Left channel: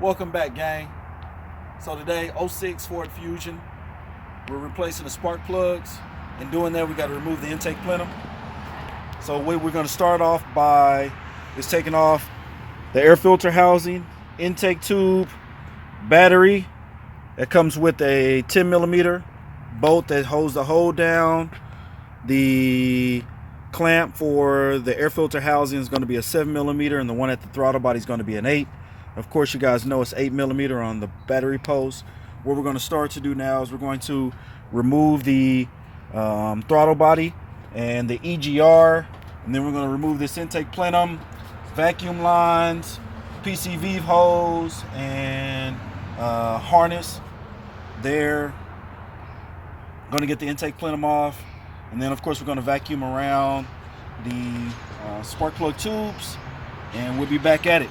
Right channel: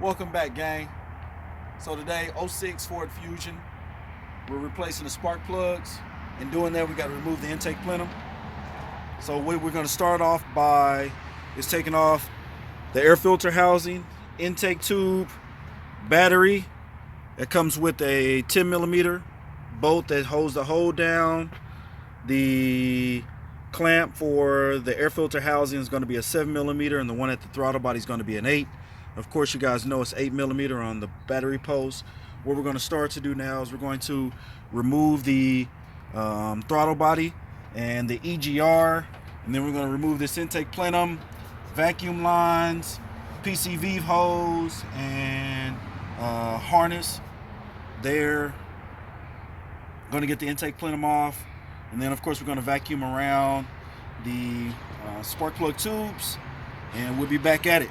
Welcome back, gang. So today, 06 Ford Fusion, we're replacing the spark plugs. In doing that, we got to remove the intake plenum. So what we're going to start off by is taking off the air filter housing, intake tube, battery that comes with a 10 millimeter bolt that holds the hole down. The clamp for the air filter housing is going to be a 7 millimeter, and the one at the throttle body is going to be an 8. Of course, you guys know it's 8 millimeter on the battery post. What we're going to start to do now is we're going to remove the throttle body and the EGR, and then we're going to remove this intake plenum, vacuum lines, PCV hose, and harness. There, going to get the intake plenum off, and then of course we're going to vacuum around the spark plug tubes, and we'll be back at it.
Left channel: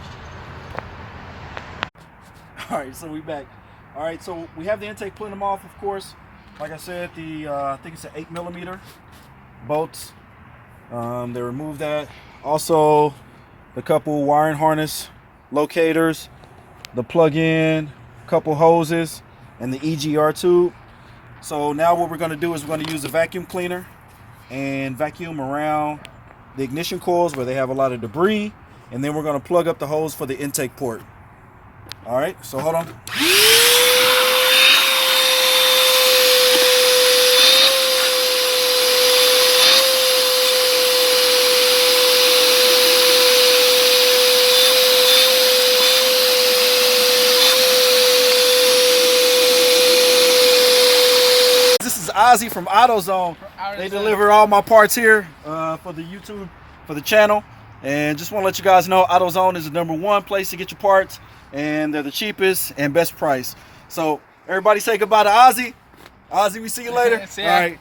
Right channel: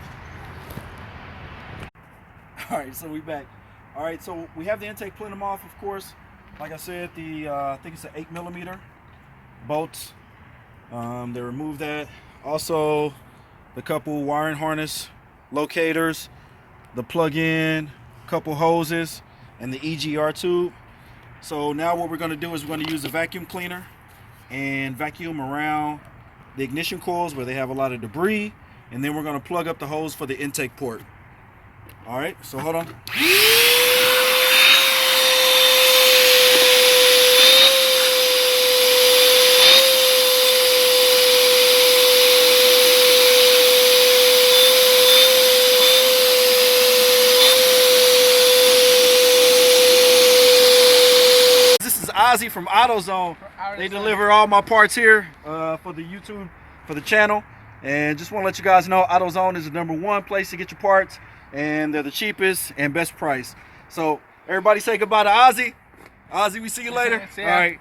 All right, so we back. All right, so we have the intake plenum off, of course. Like I said, I think it's an 8 millimeter bolts. They removed that. Also, the couple wiring harness locators, the plug-in, couple hoses, and the EGR tube. So now what we're going to do is we're going to use a vacuum cleaner and vacuum around the ignition coils where they have a lot of debris, and then we're going to plug up the hose for the intake port. All right, so hold on. This is Ozzy from AutoZone. They deliver all my parts here for the YouTube, for the channel. And just want to let you guys know, AutoZone is the #1 place to get your parts, and they're the cheapest and best price. So everybody say goodbye to Ozzy. Ozzy, we see you later. See ya. All right.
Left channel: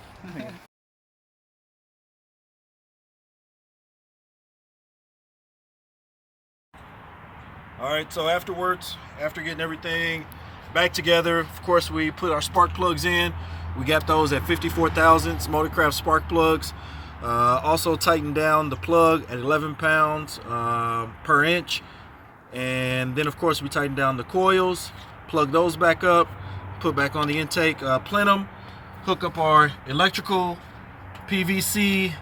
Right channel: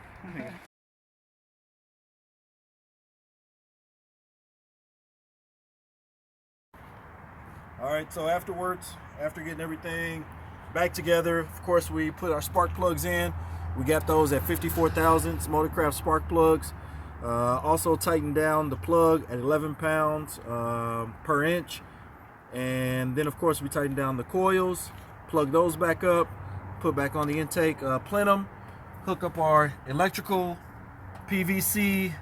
All right, so afterwards, after getting everything back together, of course, we put our spark plugs in. We got those at 54 thousandths Motorcraft spark plugs. Also tightened down the plug at 11 pounds per inch. And then, of course, we tightened down the coils, plug those back up, put back on the intake plenum, hook up our electrical, PVC,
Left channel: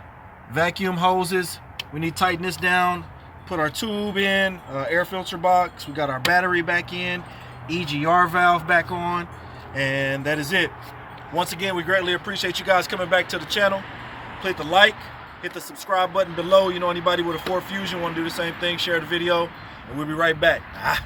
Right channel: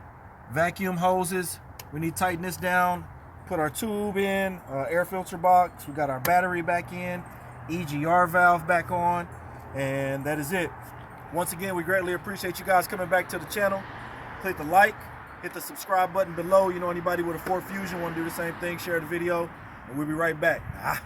vacuum hoses. We need to tighten this down, put our tube in, air filter box. We got our battery back in, EGR valve back on, and that is it. Once again, we greatly appreciate you guys coming back to the channel. Click the like, hit the subscribe button below. You know, anybody with a Ford Fusion want to do the same thing, share the video, and we'll be right back.